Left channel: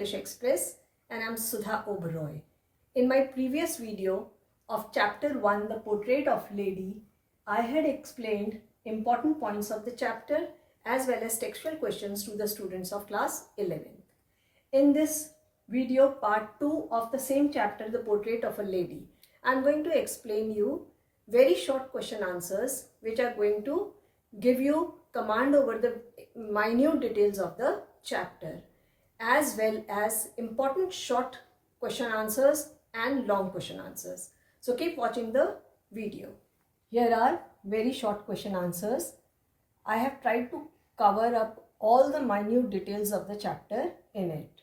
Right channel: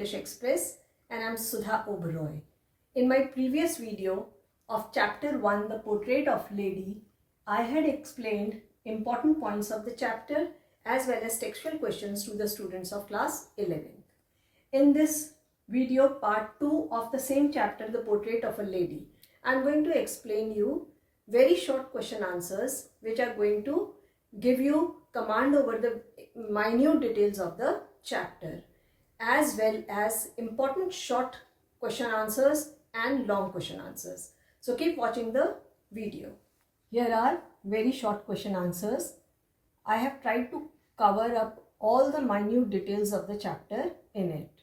English Express and I'm Sudha Oberoi. In my previous video of chapter 1, The Portrait of Lady, I had explained important points of the chapter as well as textual questions to the students of class 11th. In this video, part 2 of the same chapter, The Portrait of a Lady, I am going to explain you very short question answers which are going to give you command over the minute details of the chapter, as well as important short question answers and long question answers. So keep watching the video. Here are very short question answers. I have tried to cover up all the minute details of the chapter in it.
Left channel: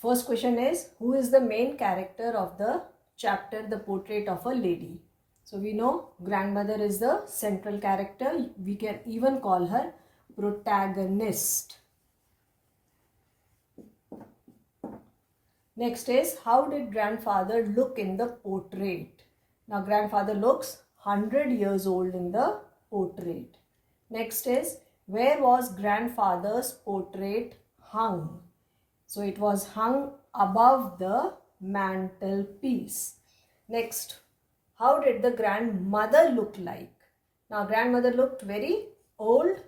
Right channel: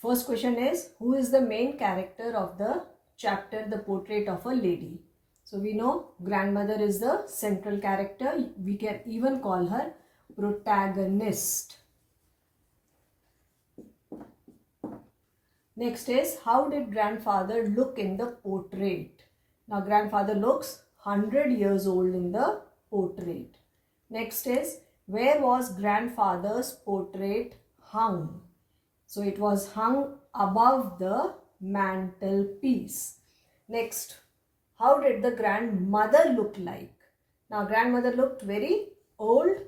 First question is, who is the main character of the chapter The Portrait of a Lady? So we know grandmother is the central character. We can even call her protagonist. Next is, how did grandfather look in the portrait? Now grandfather looks 100 years old in the portrait. Next is, where was grandfather's portrait hung? So it was hung above the mantelpiece. Next, how did the grandmother look like? Now grandmother looked very old.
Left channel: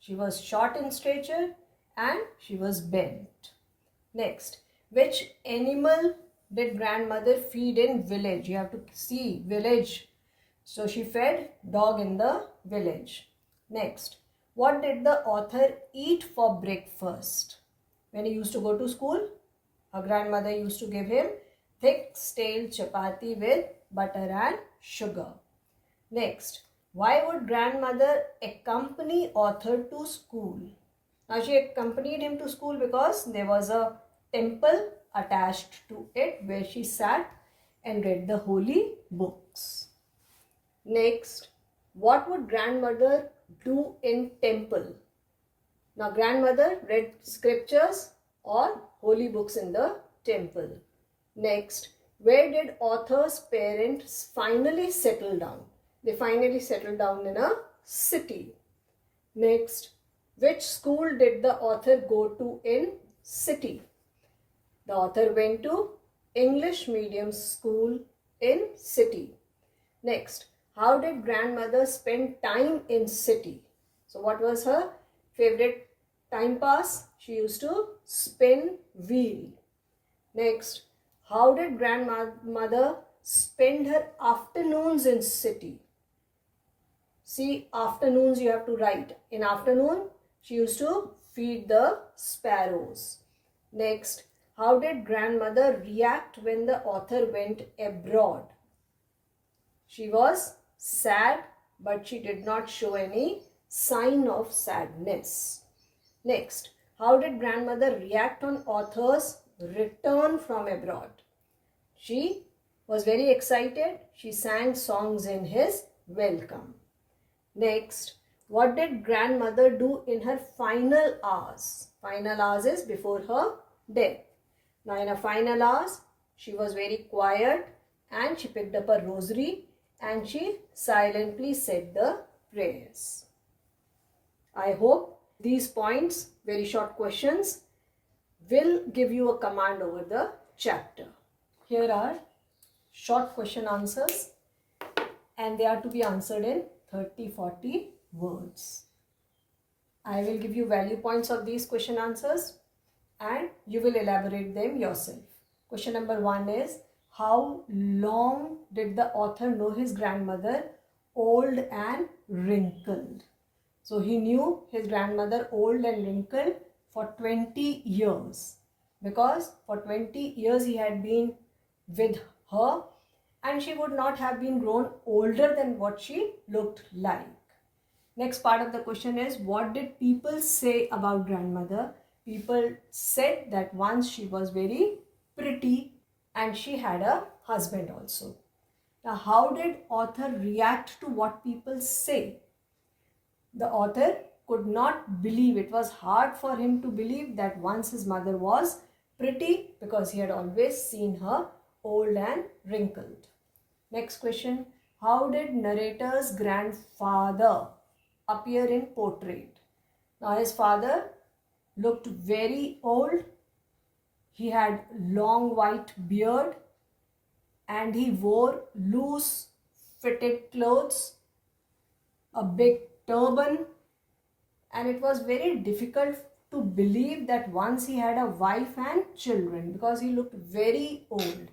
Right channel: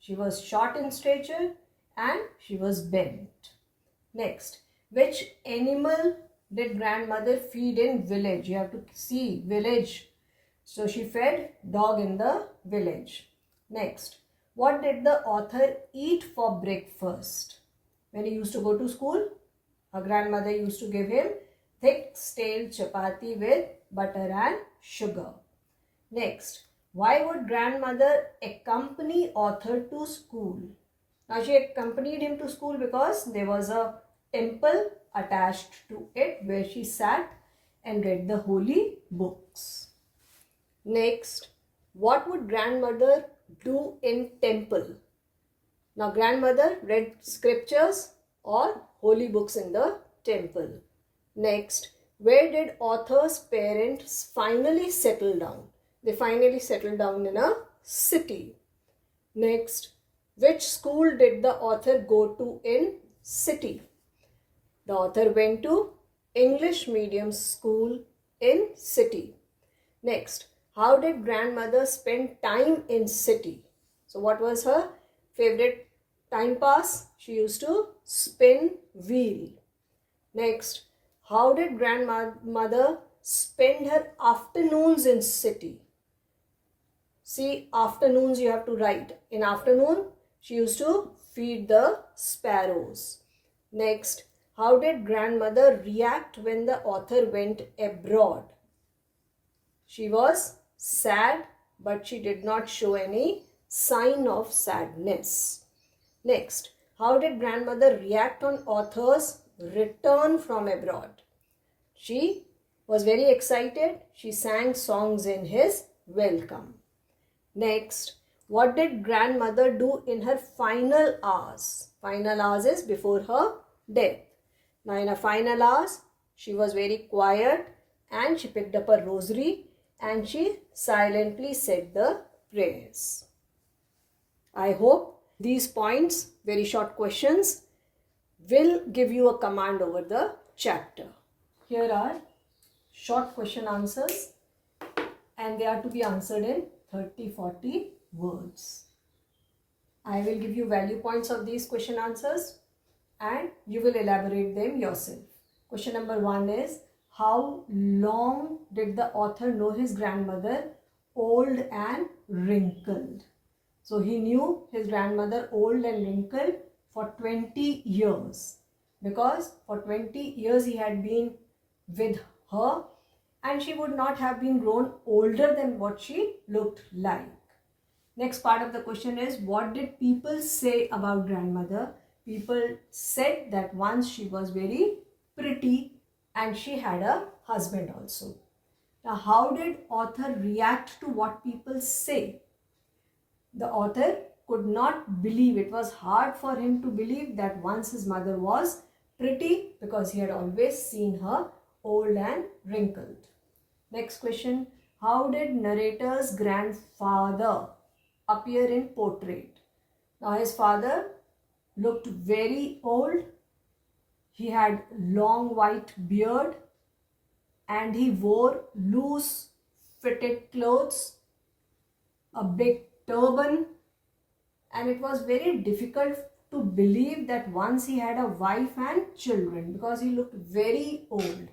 She was short in stature and she was bent. Next, which animal did grandmother feed in village? You have to see village. So she fed dog in the village. Next, what did the author eat for breakfast? When he used to go to school, her grandmother used to give him thick stale chapati with butter and sugar. Next, why would grandmother accompany author to school? Now she accompanied him to school because there was a temple attached to it where she sat and read the holy books. Next, what would grandmother do in temple? Now grandmother read scriptures or holy books in the temple. Next, where did author's parents finally settle down? They finally settled down in a city. Next, which school did the author go to in city? The author went to English medium school in city. Next, how did grandmother spend time in city? So what was her favorite time pass? She used to spin wheel. Next, how did grandmother spend her afternoons in city? See, afternoons you have to write. In afternoon, she used to feed the sparrows. Next, how did grandmother react when the author went abroad? She was sad, but she did not show any sign of sadness. Next, how did grandmother react on author's return from abroad? She was very excited. She sang songs in his welcome. Next, what did grandmother do in her final hours? Final hours is before her death. Now in her final hours, she was very quiet and she picked up a rosary and she silently said the prayers. I hope these points, very short questions, will give you a command over the chapter. Here are short question answers and they are to be answered in 30-40 words. I will give you value points of these question answers and you will elaborate them yourself. Question number 1 is, how long did the author know his grandmother old and wrinkled? So he knew his grandmother old and wrinkled for 20 years because for 20 years he had been with her and she would not have been grown older than what she looked like. Next part of the question is, what did people say about grandmother? People said that once she was very pretty and she had a husband also. Now how did author react to what people say? The author could not believe, it was hard for him to believe that once his mother was pretty because he had always seen her old and wrinkled. Next question, how did narrator's grandfather appear in portrait? Now his father looked very old He had long white beard and he wore loose fitted clothes, a big turban, and it was very difficult to believe that once he had a wife and children because he looked very old,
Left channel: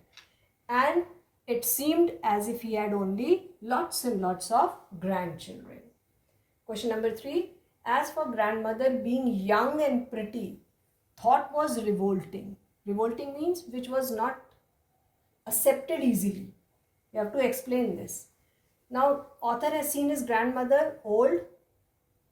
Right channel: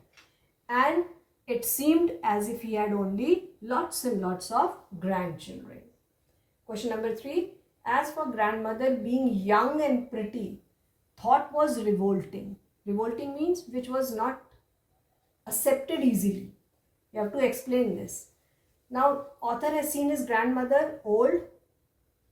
and it seemed as if he had only lots and lots of grandchildren. Question number 3. As for grandmother, being young and pretty, thought was revolting. Revolting means which was not accepted easily. You have to explain this. Now, author has seen his grandmother old.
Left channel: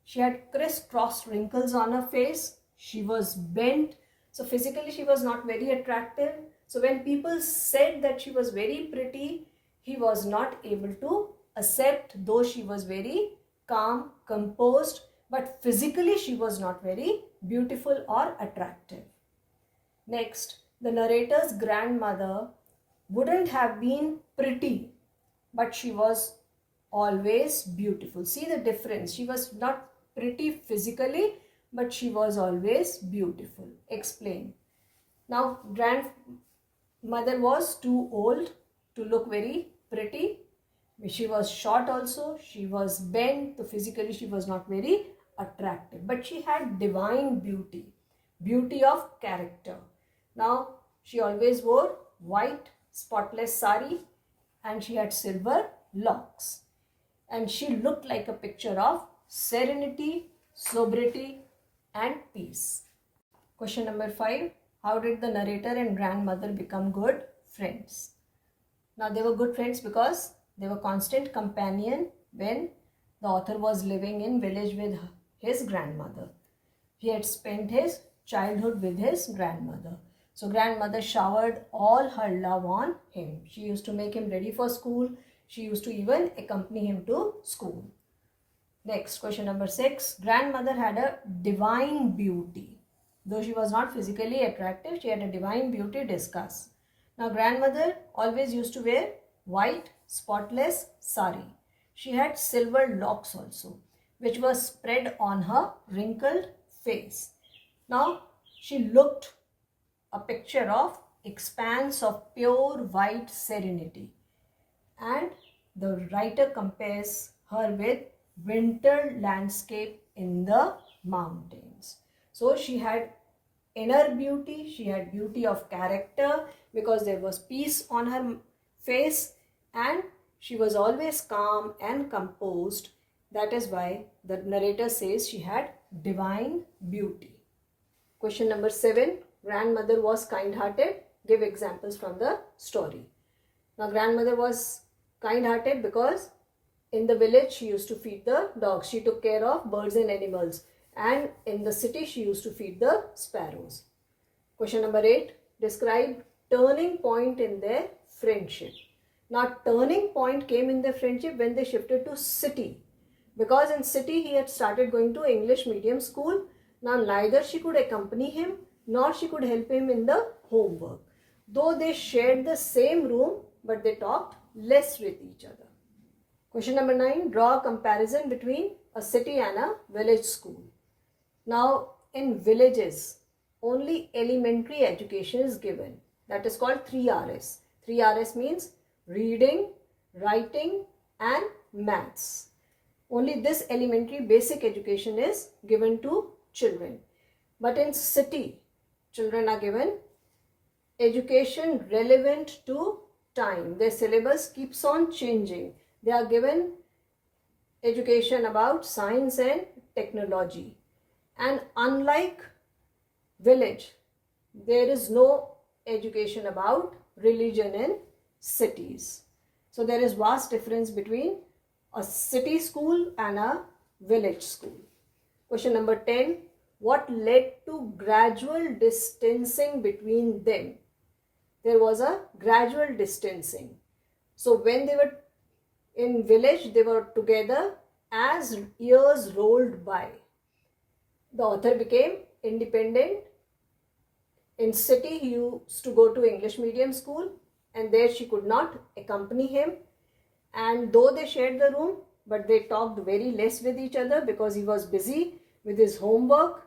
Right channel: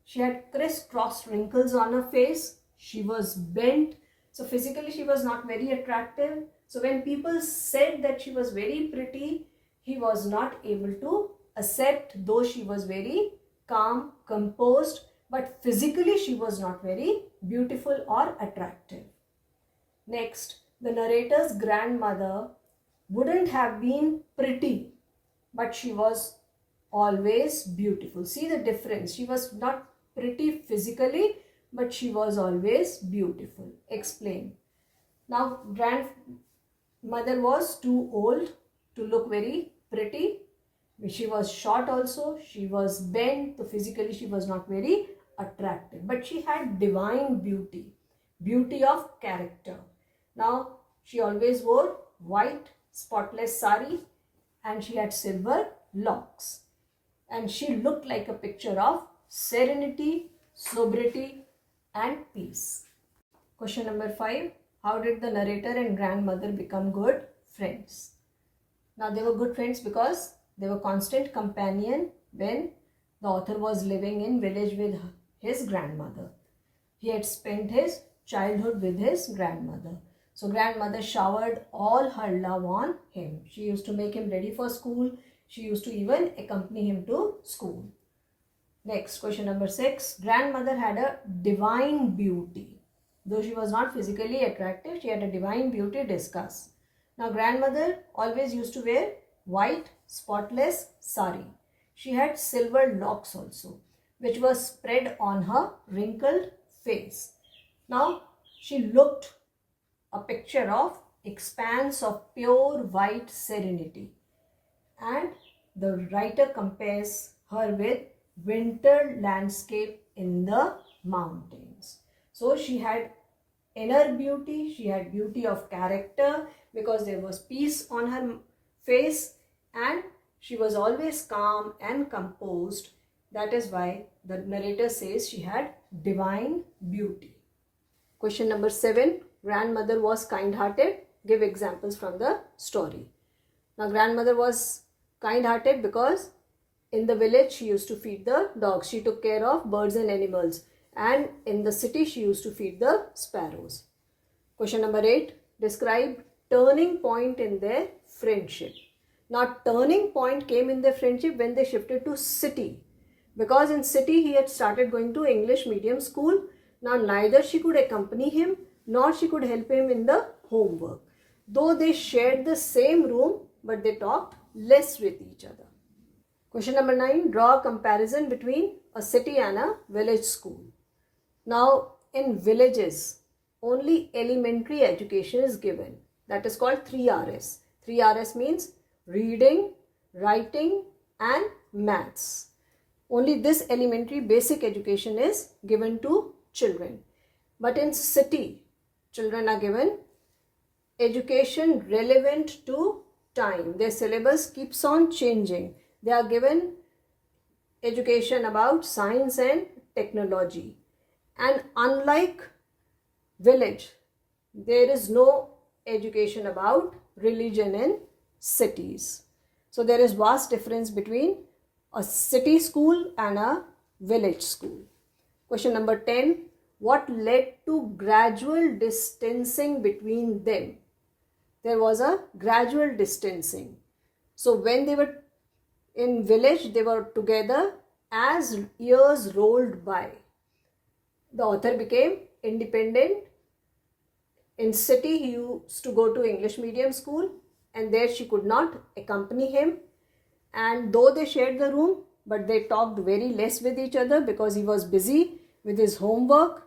She had crisscrossed wrinkles on her face. She was bent. So physically she was not very attractive. So when people said that she was very pretty, he was not able to accept, though she was very calm, composed, but physically she was not very beautiful or attractive. Next, the narrator's grandmother wouldn't have been pretty, but she was always beautiful. See the difference. She was not pretty physically, but she was always beautiful. Explain. Now, grandmother was too old to look very pretty. She was short also. She was bent. So physically, she was not very attractive. But she had divine beauty. Beauty of character. Now, she always wore white, spotless sari and she had silver locks. And she looked like a picture of serenity, sobriety and peace. Question number 5. How did the narrator and grandmother become good friends? Now they were good friends because they were constant companion when the author was living in village with his grandmother. He had spent his childhood with his grandmother. So grandmother showered all her love on him. She used to make him ready for school. She used to even accompany him to school. Next, question number 6. Grandmother had a divine beauty. Though she was not physically attractive, she had a divine beauty. Discuss. Now, grandmother always used to wear white, spotless sari. She had silver locks also, which was spread on her wrinkled face. Now, she looked a picture of expanse of pure white serenity. And the writer compares her with winter landscape in the mountains. So she had inner beauty, she had beauty of character because there was peace on her face and she was always calm and composed. That is why the narrator says she had divine beauty. Question number 7. Grandmother was kind-hearted. Give examples from the story. Now grandmother was kind-hearted because in the village she used to feed the dogs. She took care of birds and animals. And in the city she used to feed the sparrows. Question number 8. Describe turning point in their friendship. Now turning point came in their friendship when they shifted to city. Because in city he had started going to English medium school. Now neither she could accompany him nor she could help him in the homework. Though they shared the same room, but they talked less with each other. Question number 9. Draw a comparison between a city and a village school. Now, in villages, only elementary education is given. That is called 3Rs. 3Rs means reading, writing and maths. Only this elementary basic education is given to children. But in city, children are given education relevant to time. Their syllabus keeps on changing. They are given education about science and technology. And unlike village, there is no education about religion in cities. So there is vast difference between a city school and a village school. Question number 10. What led to gradual distancing between them? There was a gradual distancing. So when they were in village, they were together. As years rolled by, the author became independent. In city, he used to go to English medium school and there she could not accompany him. And though they shared the room, but they talked very less with each other because he was busy with his homework.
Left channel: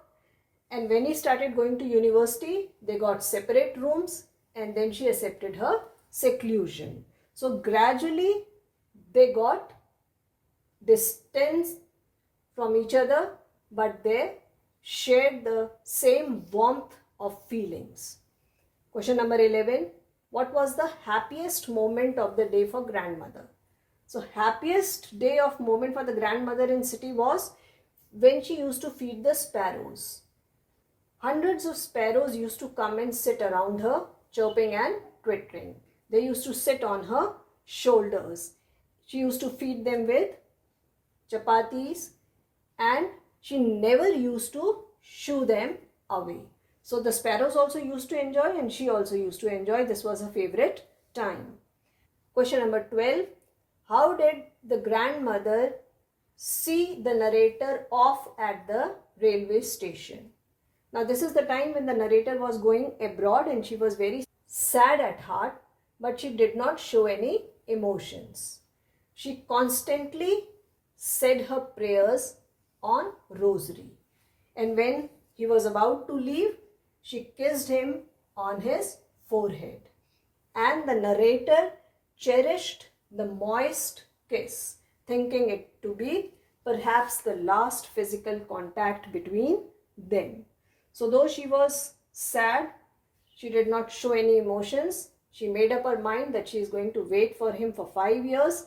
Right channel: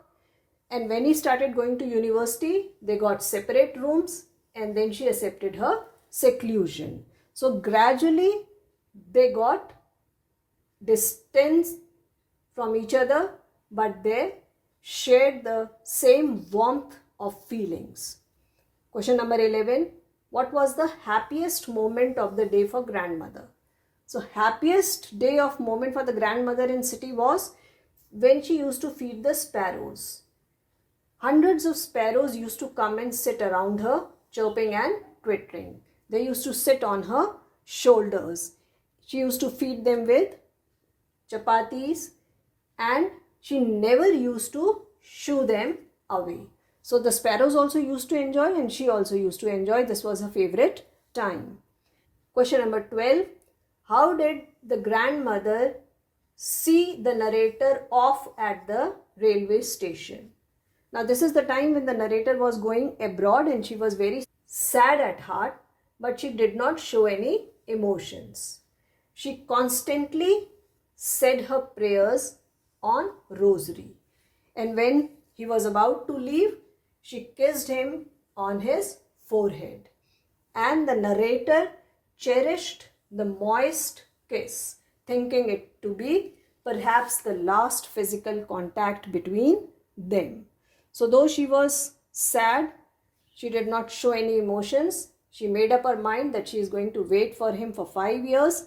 And when he started going to university, they got separate rooms, and then she accepted her seclusion. So gradually they got distance from each other, but they shared the same warmth of feelings. Question number 11. What was the happiest moment of the day for grandmother? So happiest day of moment for the grandmother in city was when she used to feed the sparrows. Hundreds of sparrows used to come and sit around her, chirping and twittering. They used to sit on her shoulders. She used to feed them with chapatis, and she never used to shoo them away. So the sparrows also used to enjoy, and she also used to enjoy. This was her favorite time. Question number 12. How did the grandmother see the narrator off at the railway station? Now this is the time when the narrator was going abroad and she was very sad at heart, but she did not show any emotions. She constantly said her prayers on rosary. And when he was about to leave, she kissed him on his forehead. And the narrator cherished the moist kiss, thinking it to be perhaps the last physical contact between them. So though she was sad, she did not show any emotions. She made up her mind that she is going to wait for him for 5 years,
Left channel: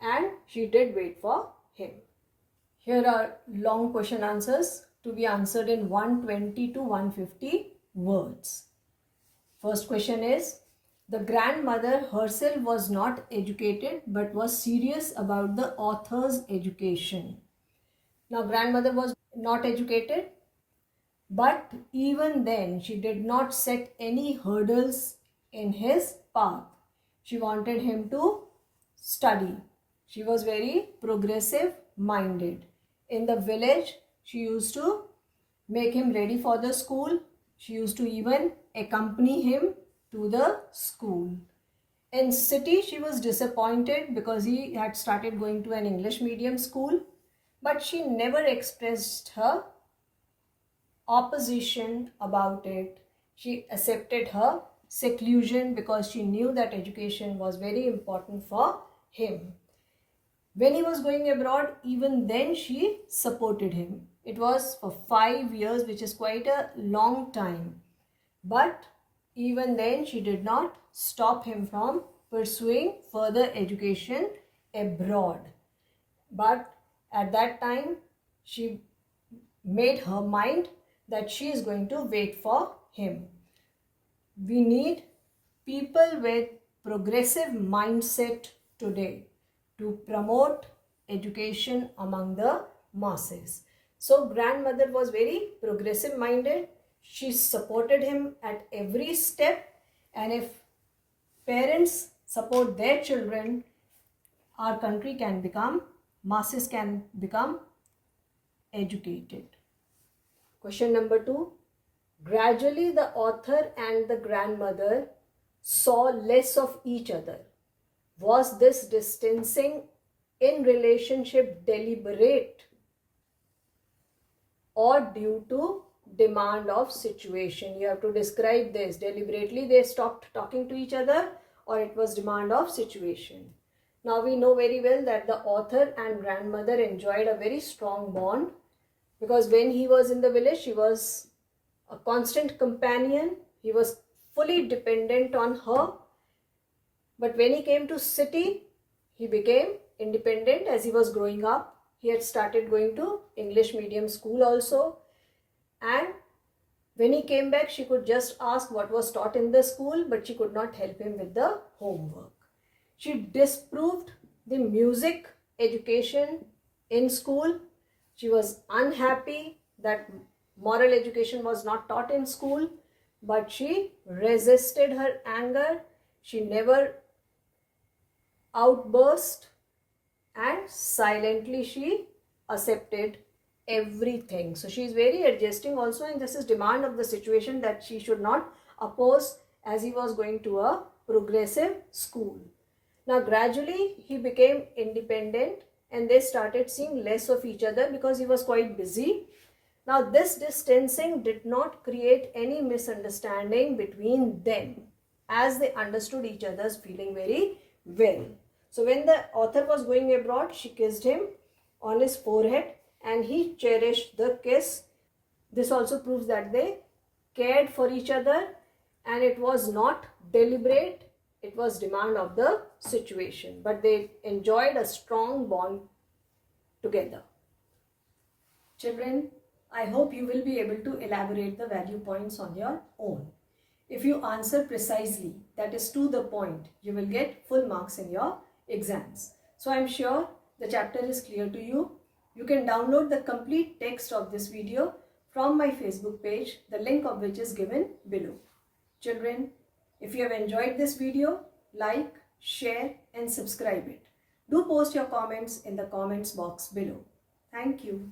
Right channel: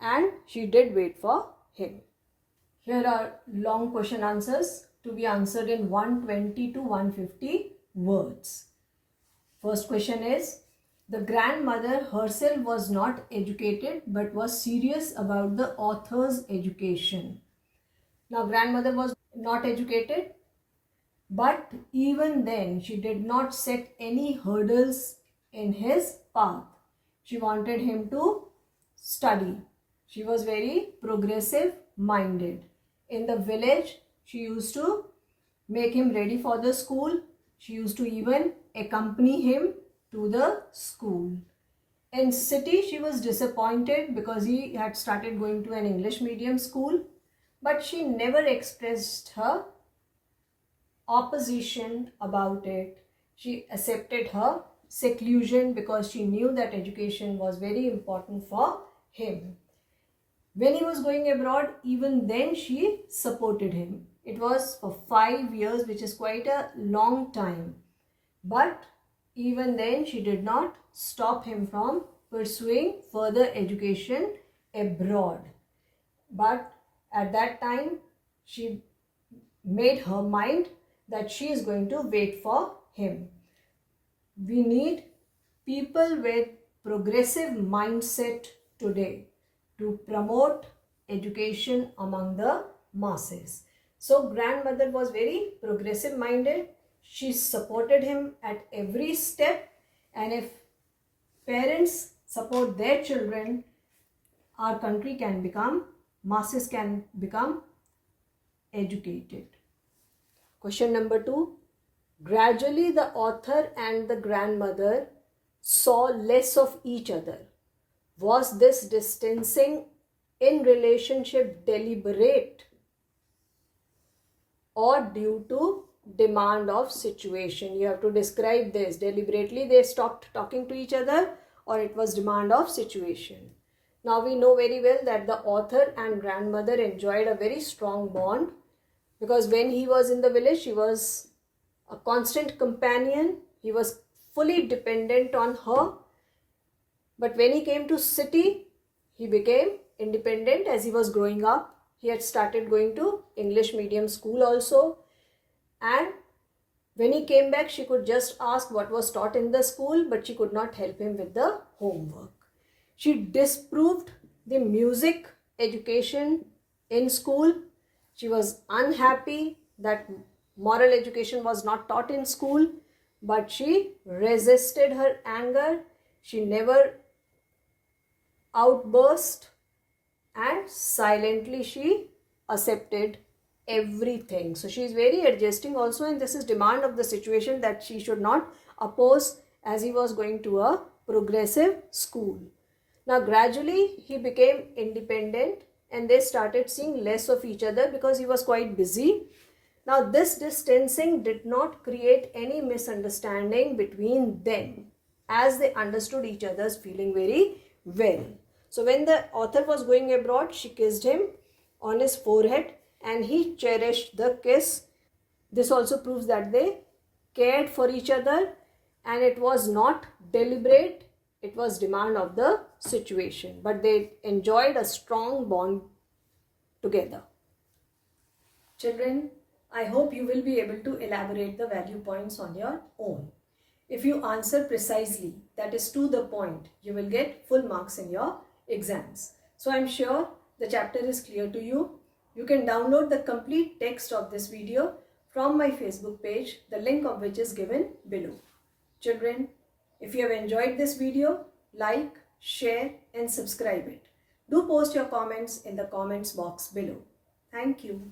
and she did wait for him. Here are long question answers to be answered in 120 to 150 words. First question is, the grandmother herself was not educated but was serious about the author's education. Now grandmother was not educated, but even then she did not set any hurdles in his path. She wanted him to study. She was very progressive minded. In the village, she used to make him ready for the school. She used to even accompany him to the school. In city, she was disappointed because he had started going to an English medium school, but she never expressed her opposition about it. She accepted her seclusion because she knew that education was very important for him. When he was going abroad, even then she supported him. It was for 5 years, which is quite a long time. But even then she did not stop him from pursuing further education abroad. But at that time, she made her mind that she is going to wait for him. We need people with progressive mindset today to promote education among the masses. So grandmother was very progressive minded. She supported him at every step, and if parents support their children, our country can become, masses can become educated. Question number 2. Gradually the author and the grandmother saw less of each other. Was this distancing in relationship deliberate or due to demand of situation? You have to describe this. Deliberately they stopped talking to each other, or it was demand of situation. Now we know very well that the author and grandmother enjoyed a very strong bond, because when he was in the village, she was a constant companion. He was fully dependent on her. But when he came to city, he became independent as he was growing up. He had started going to English medium school also. And when he came back, she could just ask what was taught in the school, but she could not help him with the homework. She disproved the music education in school. She was unhappy that moral education was not taught in school, but she resisted her anger. She never outburst, and silently she accepted everything. So she is very adjusting also, and this is demand of the situation that she should not oppose, as he was going to a progressive school. Now gradually he became independent, and they started seeing less of each other because he was quite busy. Now, this distancing did not create any misunderstanding between them, as they understood each other's feeling very well. So, when the author was going abroad, she kissed him on his forehead and he cherished the kiss. This also proves that they cared for each other and it was not deliberate, it was demand of the situation, but they enjoyed a strong bond together. Children, I hope you will be able to elaborate the value points on your own. If you answer precisely, that is to the point, you will get full marks in your exams. So I am sure the chapter is clear to you. You can download the complete text of this video from my Facebook page, the link of which is given below. Children, if you have enjoyed this video, like, share and subscribe it. Do post your comments in the comments box below. Thank you.